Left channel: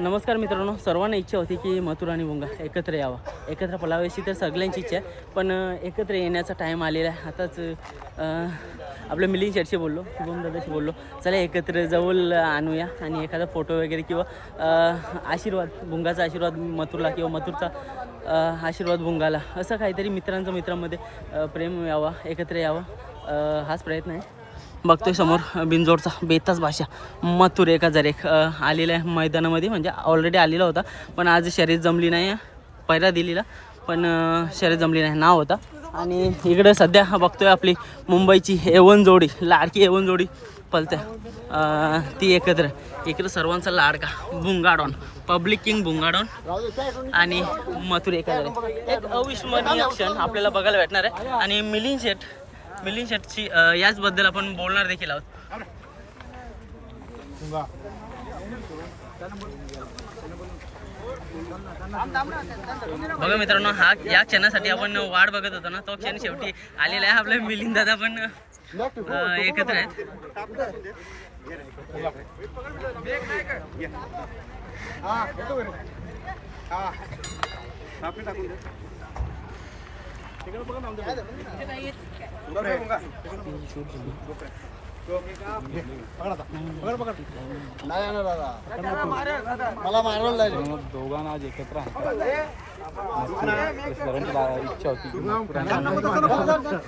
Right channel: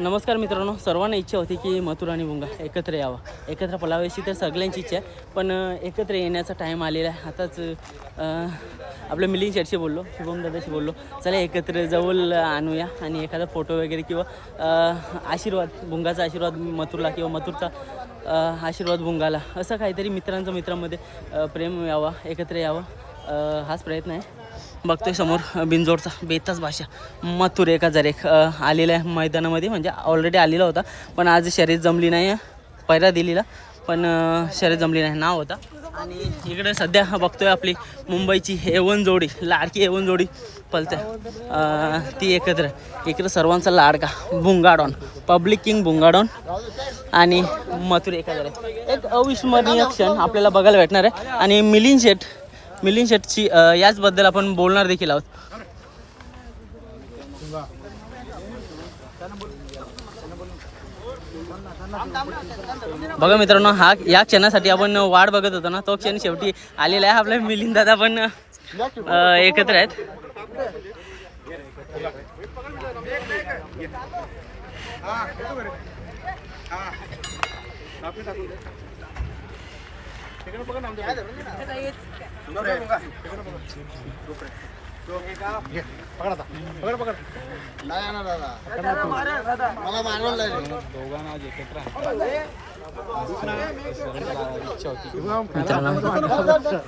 नमस्कार मित्रांनो, सर्वांना इच्छा होती की मथुर आणि भुंगा एकत्र यावा, एकत्र पळावायची तर सगळ्यांची इच्छा आहे. पण एकत्र येण्याचा टाईम आलेला आहे. आताच आपल्या मिलिंद शेटशी बोललो, शुभम दादाशी बोललो, चला एकत्र जवळ आणूया आणि एखादा फोटो वगैरे किंवा आशीर्वाद, भुंगाचा आशीर्वाद मथुरला किंवा मथुरचा आशीर्वाद भुंगाला, असं काहीतरी मित्रांमध्ये प्रेम यावा, एकत्र यावं, हाच प्रयत्न आहे. बघतोय समोर बिंजोडचा बेताच भाषा मथुर 1001 आलेला आहे मैदानामध्ये. म्हणजे ऑलरेडी आलेला होता, पण आज शर्यत जमली नाही. पहिला दिलेला पण शर्यत जमली नाही, नाव होता. आणि इकडं सध्या बघतोय आपली मुंबईची A1 जोडी, लाडकी A1 जोडी पलते, ती एकत्र. इकडं सर्वांचा लाडका भुंगाडॉन, पब्लिक किंग भुंगाडॉन आणि मथुर 1001. एक अविस्मरणीय क्षण आपल्याला बघायला भेटणार आहे. आणि मिलिंद शेटची याचबद्दल आपण बोलणार देखील आहोत. बघा मित्रांनो, या क्षणासाठी आपण वाट बघत होतो ना, तो क्षण शेवटी आलेला आहे. आपल्या मिलिंद दादा पण एकत्र आहेत.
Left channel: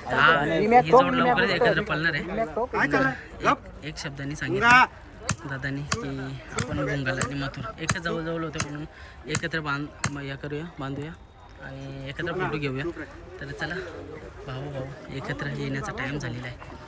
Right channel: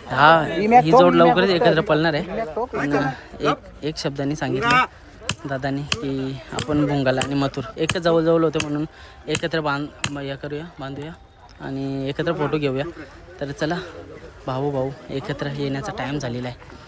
हा, ही जोड लवकरच एकत्र पळणार आहे. एक शब्दाने सांगितलं दादानी की आपण भुंगाला आणि मथुर एक जवळ होते, म्हणून एकत्र बांधूया आणि एकत्र फोटो घेऊया. तर चला, भाऊ एकत्र येण्याचा टाइम झालेला आहे.